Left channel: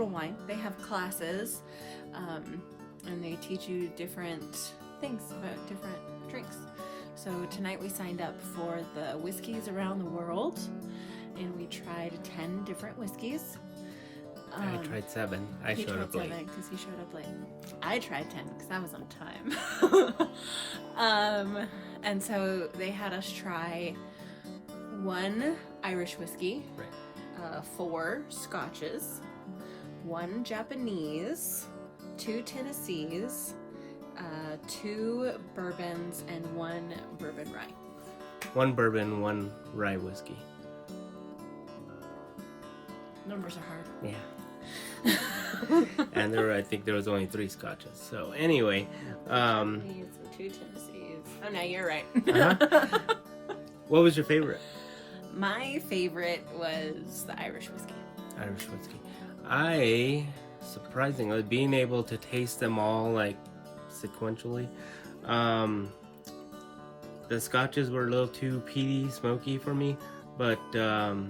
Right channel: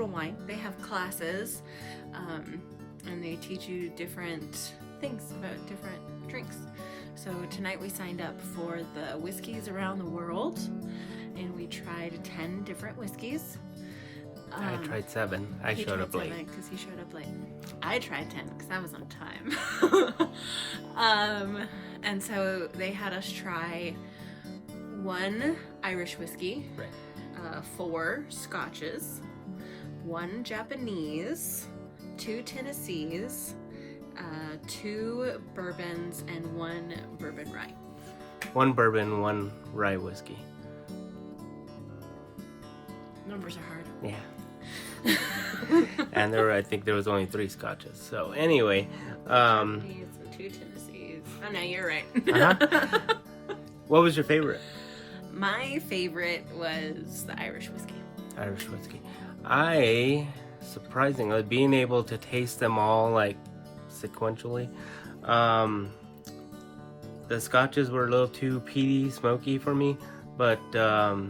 Total Wine. They have classes, and they teach you different things about different drinks. So tonight we signed up for the whiskeys around the world, and we tried 10 different whiskeys. I tried 7. He showed tried up late. 7 because he showed up late. I tried 10 because I was on time. And so they had us try 1 Irish whiskey, Right. 4 Scotches, 1 Japanese, 2 Tennessees, 2 bourbons, and 1 bourbon rye. 1 bourbon, 1 rye whiskey. Numbers are hard. Yeah. And I think there was only 3 scotches. So anyway, Japanese and 2 Tennessees. Oh no, you're right. Uh-huh. What was your favorite? My favorite was the Irish whiskey. Irish whiskey. Surprisingly, being able to taste them all like sequentially, the scotches were a little too peaty, smoky for me, but the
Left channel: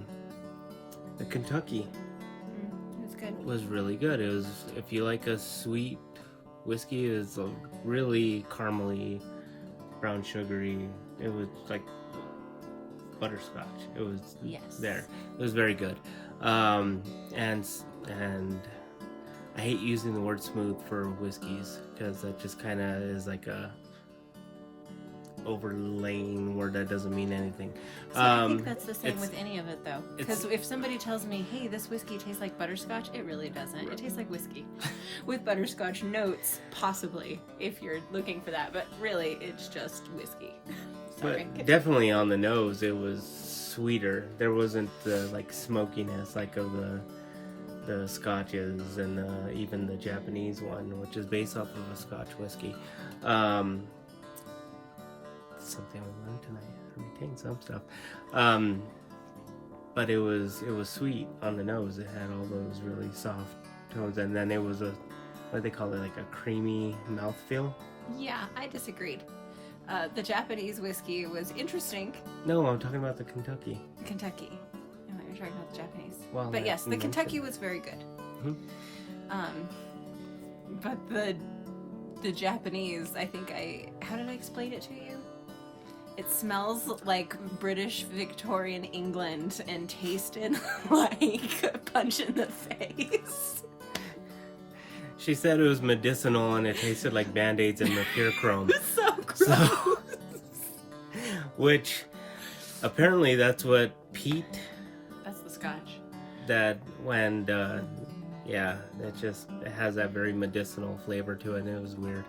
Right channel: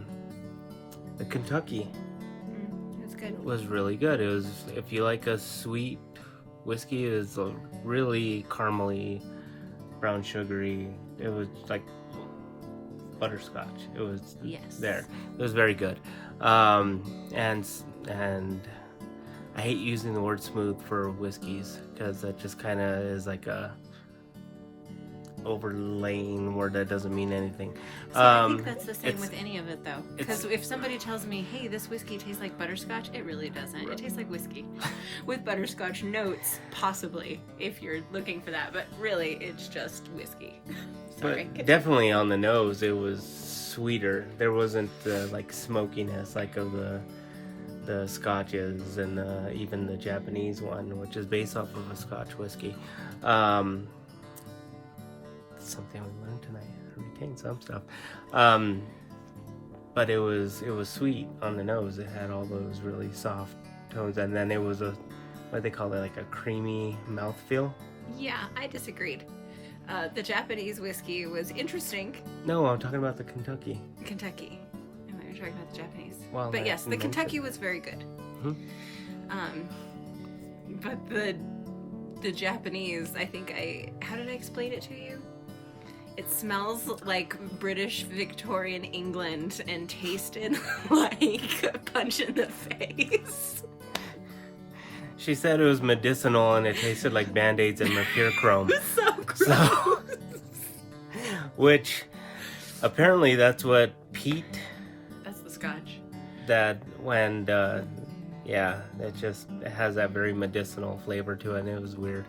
Kentucky It was good. was really good. It was, if you like a sweet whiskey, it was a really caramely, brown sugary. It was like butterscotch. It was there. It was very good. And I hate using the word smooth for whiskeys because that just kind of is like a overlaying word that doesn't mean anything. So I think that's the same with any of it, though. Because if somebody tells me, hey, this whiskey tastes like butterscotch, it really doesn't. It tastes like whiskey. With butterscotch notes, possibly, if you're looking for that. But really, it's just whiskey. Sorry. But definitely on the nose, it was sweeter. There wasn't the like smokiness like of the scotches and even the Japanese one, which is based off of a Scotch whiskey. Something we learned tonight. I retained some stuff. But it was sweet on the nose. It had all those really soft tones, and then it was what they call it, like a creamy mouthfeel. Yeah, I disagreed. The Japanese whiskey was interesting. No, I'm talking about the Kentucky. Kentucky. I thought you were talking about the Japanese. Well, but yes, the Kentucky was very good. Mm-hmm. But the Japanese, I think how did I explain it to you? It smells like British Victorian England and tasted like a punch in the face. She said it was medicinal and it tasted like Band-Aids and mercurochrome. So gross. Which apparently that's what Pete. That's the Scotch. That when it has that very medicinal flavor to it, and it was weird.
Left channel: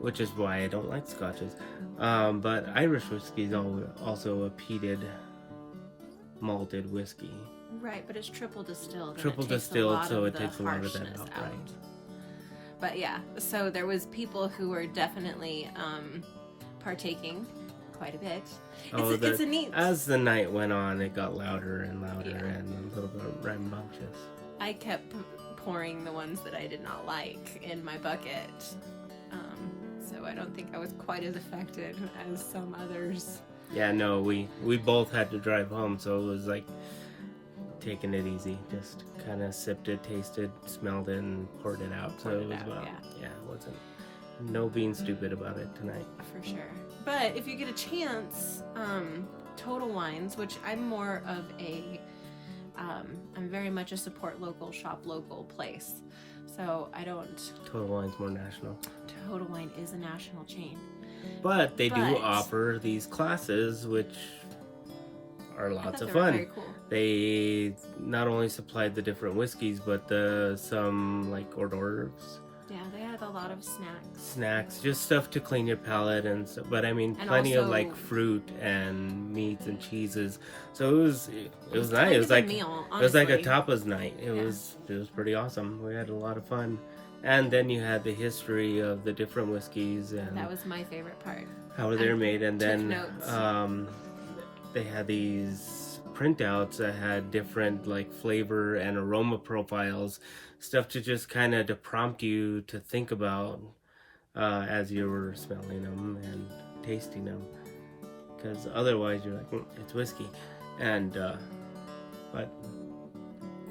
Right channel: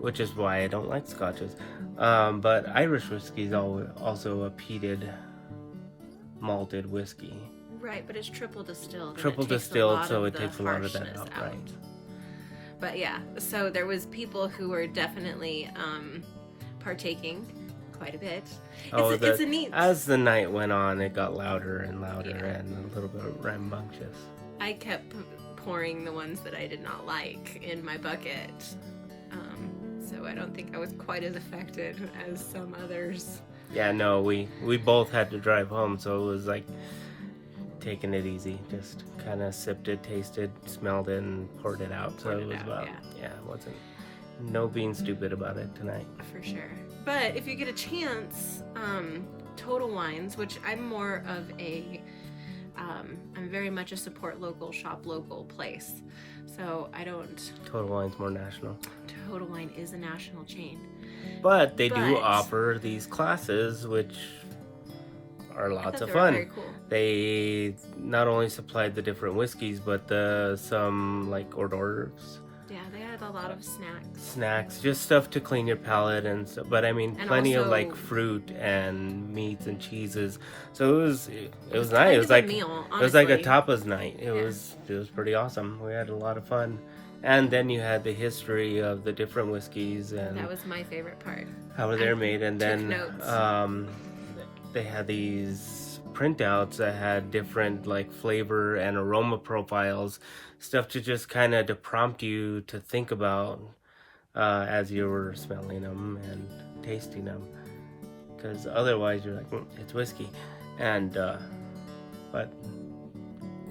Which is why I don't like scotches. But Irish whiskey is also a peated malted whiskey. Right, but it's triple distilled. Triple distilled, so it takes a lot of that harshness out. Right. But yeah, so there was people who were definitely partaking quite a bit. It's a neat. As the night went on, it got louder and louder and a little bit rambunctious. I kept pouring the ones that I did not like in my bucket. So I don't think I was quite as affected as some others. Yeah, no, we both had to drive home, so it was like taking it easy. Just kind of sipped it, tasted, smelled it, and poured it out. Wasn't no being stupid about it tonight. For sure. But if you get a chance, Total Wines, which I'm more of I'm very much a support local, shop local place. So I don't... Total Wine's more national. Total Wine is a national chain. But they do offer these classes, which are lots of fun. Very cool. They not only supplied the different whiskeys, but some like hors d'oeuvres. Yeah, they had a lot of snacks. Snacks, just stuff to clean your palate and stuff. But I mean, plenty of like fruit and meats and cheeses. So it was nice. It was like a meal, honestly. It was like a tapas night. It was pretty awesome. We had a lot of fun. And then you had the history of the different whiskeys, and that was my favorite part. How they're made, and then notes. They had these printouts that had different like flavor and aroma profiles, stuff to just kind of to prompt you to think about as you were smelling them and tasting them, because otherwise you're like, it's whiskey, and but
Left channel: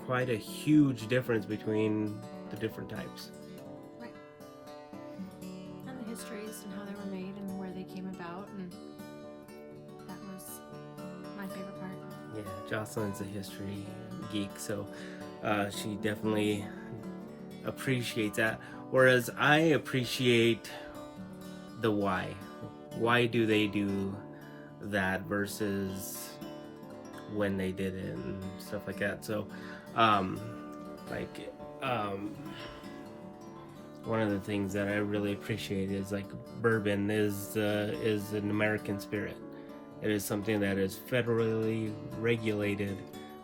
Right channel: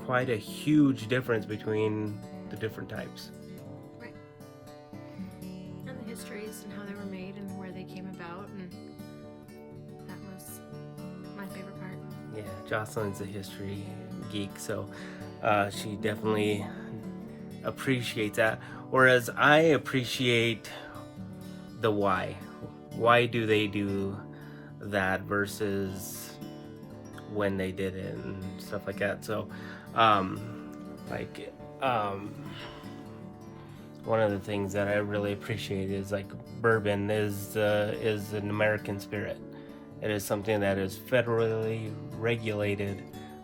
quite a huge difference between the different types. Right. And the histories and how they were made and where they came about, and that was my favorite part. Yeah, Jocelyn's a history geek, so she definitely appreciates that. Whereas I appreciate the why. Why do they do that versus when they did it and stuff like that. So, one of the things that I really appreciate is like bourbon is an American spirit. It is something that is federally regulated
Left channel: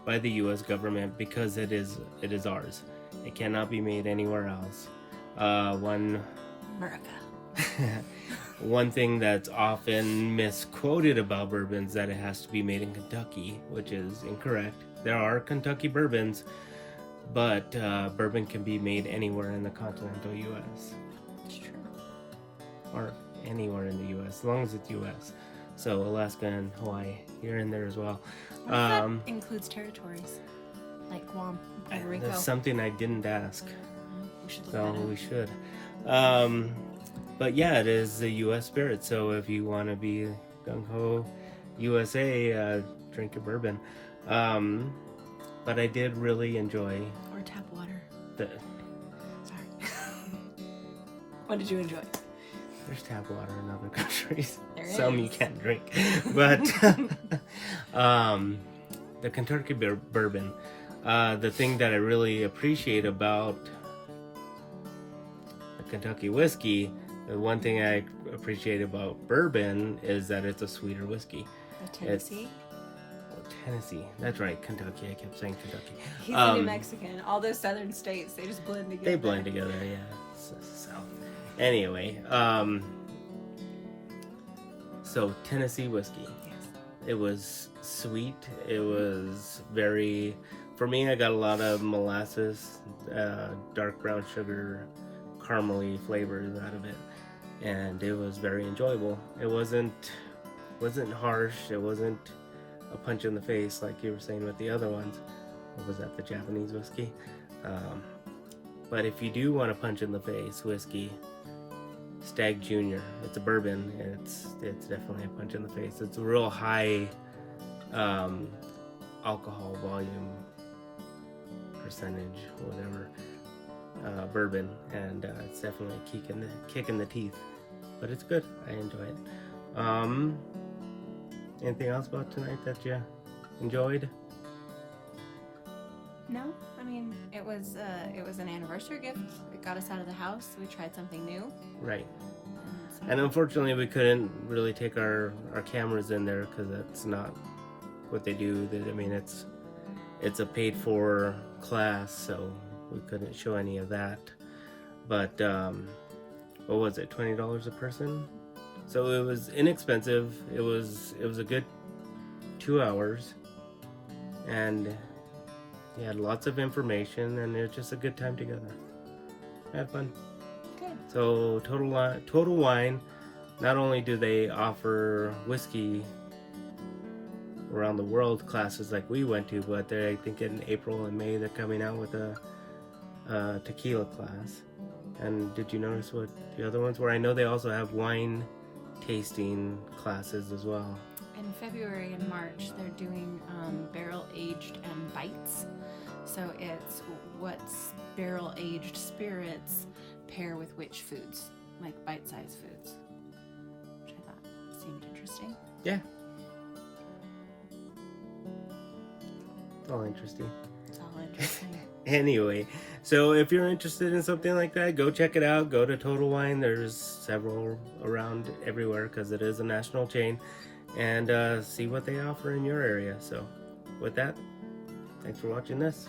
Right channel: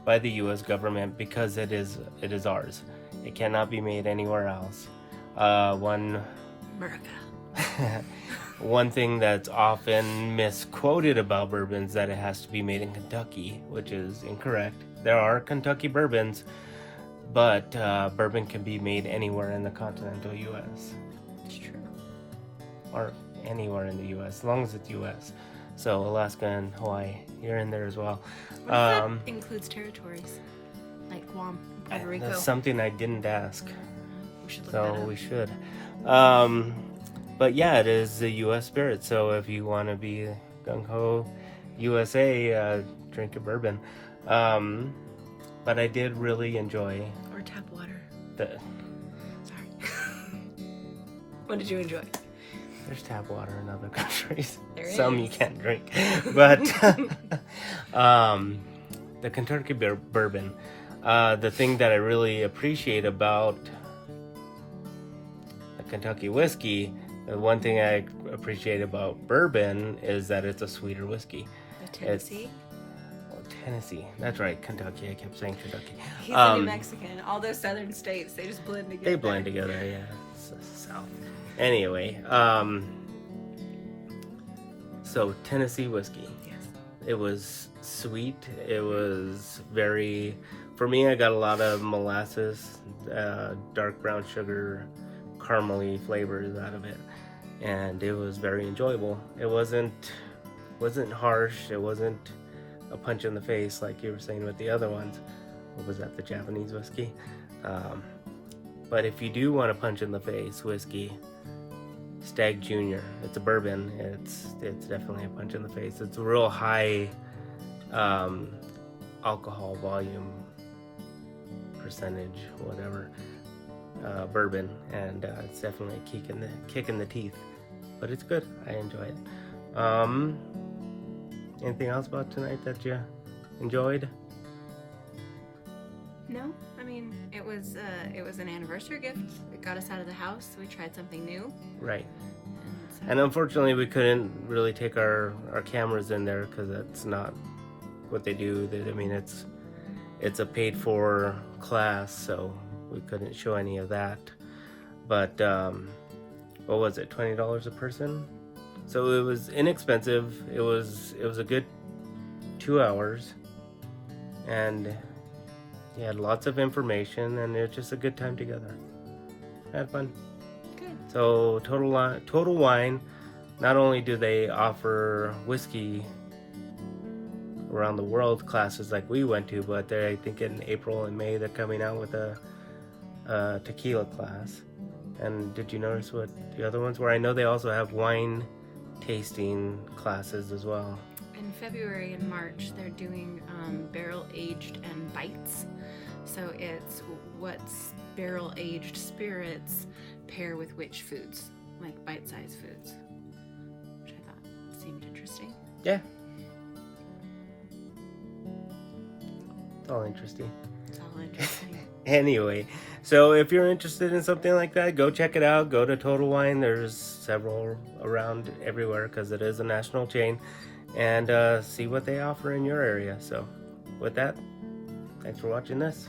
by the U.S. government because it is ours. It cannot be made anywhere else. America. One thing that's often misquoted about bourbon is that it has to be made in Kentucky, which is incorrect. There are Kentucky bourbons, but bourbon can be made anywhere in the continental U.S. It's true. Or anywhere in the U.S., as long as it's U.S. So Alaska and Hawaii, you're in there as well. What if that includes territories? Like Guam, Puerto Rico? That's something I didn't ask. We should look that up. We should. But yeah, it is the U.S. spirit. So if you want to be gung-ho USA, drink a bourbon. But I did really enjoy... Or tap water. Sorry. What did you enjoy? There's tap water in other countries. Some you can't drink. But the Kentucky bourbon, the thing that I really appreciate about the Kentucky whiskey, the one thing I appreciate about bourbon is that it's a sweeter whiskey. Tennessee? Tennessee. That's right, Kentucky. I kept saying Kentucky. He's a New Mexican. All those southern states, they just blend together. They blend together, yeah. South. Anyway, so Tennessee whiskey. Yeah. It was sweet. It was very... For me, I got a lot of molasses, dark brown sugar, caramely flavors out of it. And it was very enjoyable. It wasn't harsh. It wasn't a punch in the face like you were saying with the other ones. What was that, the Japanese whiskey? But if you do want a punch in the face whiskey, Stag Junior. It's a bourbon. It's definitely a punch in the face. It's a real high alcohol volume percentage, whatever, bourbon, and it's definitely a kick in the teeth. But it's good. I enjoy it. Anything else about tonight that you enjoyed? No, I mean it was an anniversary gift. It got us out of the house. So we tried something new. Right. And unfortunately, we couldn't really take our cameras in there because that's not what they do. I mean, it's a paid-for class, so we couldn't show any of that. But what was it? $20 a person. So it was inexpensive. It was a good 2 hours, and we had lots of information, and it was just a good time together. I had fun. Good. So Total Wine, not only do they offer whiskey around the world classes like we went to, but I think in April and May they're coming out with a tequila class. And did you notice what the other ones were? I know they also have wine tasting classes as well. In February and March, they're doing barrel-aged and bites. So it's what's barrel-aged spirits pair with which foods, like bite-sized foods, which I thought seemed interesting. Yeah. It's all interesting. It's all interesting. Anyway, so if you're interested in something like that, go check it out. Go to Total Wine. There's several around everywhere because it is a national chain. And see what they offer in your area. So with that, thanks for watching this.